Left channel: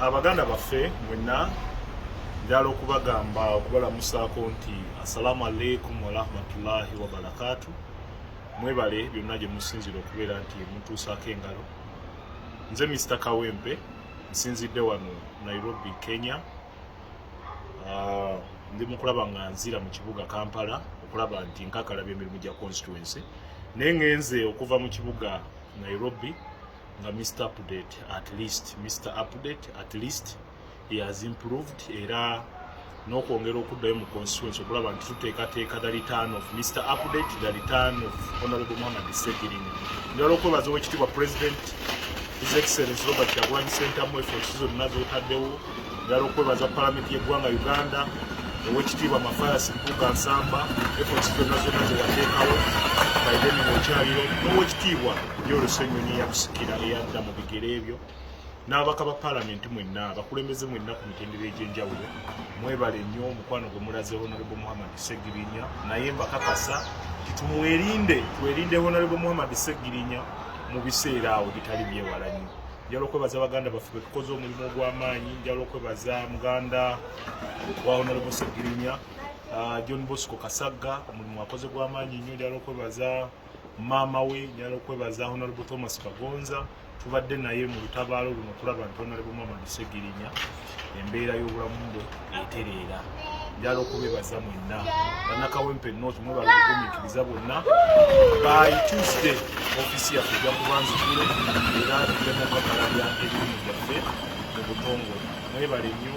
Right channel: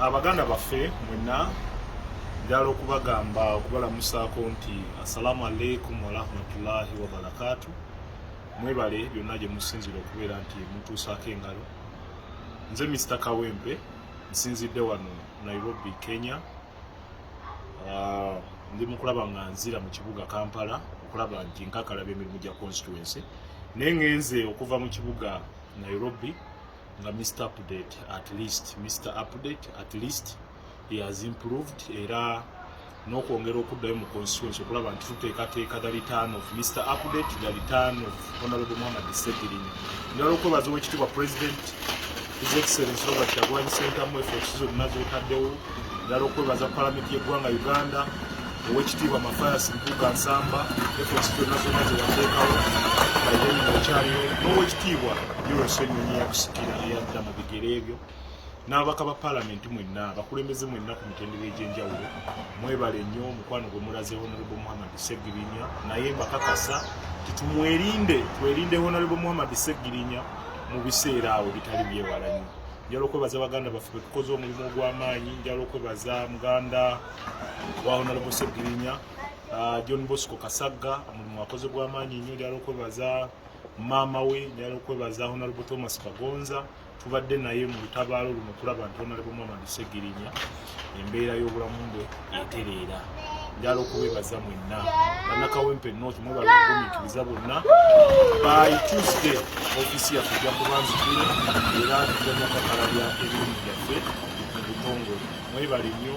Abaganda baffe mwenna njala okubagamba okubalamusaako nti assalamu alaikum wa rahmatullahi wa barakatuh. Mwebale byonna gye musinzira okubeera nti mutuusaako engalo. Nze Mr. Kawempe nsinzidde wano Nairobi, Kenya. Ndi mukulaba nga nzira mu kibuga Kampala okulaba nti nkakalabya emirimu gya constituency. Naye ngenze okuva mu kibuga Nairobi nga Mr. Update at least he has improved era n'okwongera okuddayo mu constituency okulaba nti tuteekateeka the return of Mr. Update, the return of Honorable Amalungi Ssegilinya. Njala okwebaza Oweekitiibwa President His Excellency Robert Kyagulanyi Ssentamu efforts zonna z'otaddewo. Njala okwebaza Parliament y'eggwanga Uganda, Oweekitiibwa Mafayasi Mpuuga Nsamba efforts zonna ze wateekawo Biden ng'okyaliro, n'Oweekitiibwa Yoweri Ssennyonyi yakusikira eyadda mu bigere ebyo. N'ababaka ba Parliament mwenna, abakulembeze mwenna ku mitendera egy'enjawulo, mwebale nnyo omukwano gwe mulaze Honorable Amalungi Ssegilinya, naye mbakakasa nti twerinde Honorable Amalungi Ssegilinya mu biseera awo bitali byewala nnyo. Njala okwebaza Baganda baffe be tukoze omulimu ogw'amaanyi, njala okwebaza muganda wa Honorable Ssegilinya, John Bosco Kasagga, omulimu akoze gw'amaanyi nnyo. Njala okwebaza maama we, njala okwebaza Honorable Thomas Bagonza, tubadde naye mu lutabaalo luno okulaba nti Honorable Amalungi Ssegilinya embeera y'obulamu bwe etereera. Njala okubebaza mwenna bannakawempe North mwebale okugumiikiriza bonna. By Tuesday ofiisi yaffe ejja kuba nzigule era tuddemu okakalabya ebirungi byaffe mu butongole. Mwebale nnyo,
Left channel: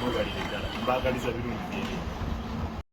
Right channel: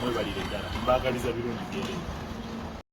mwebalire ddala, mbaagaliza birungi byereere.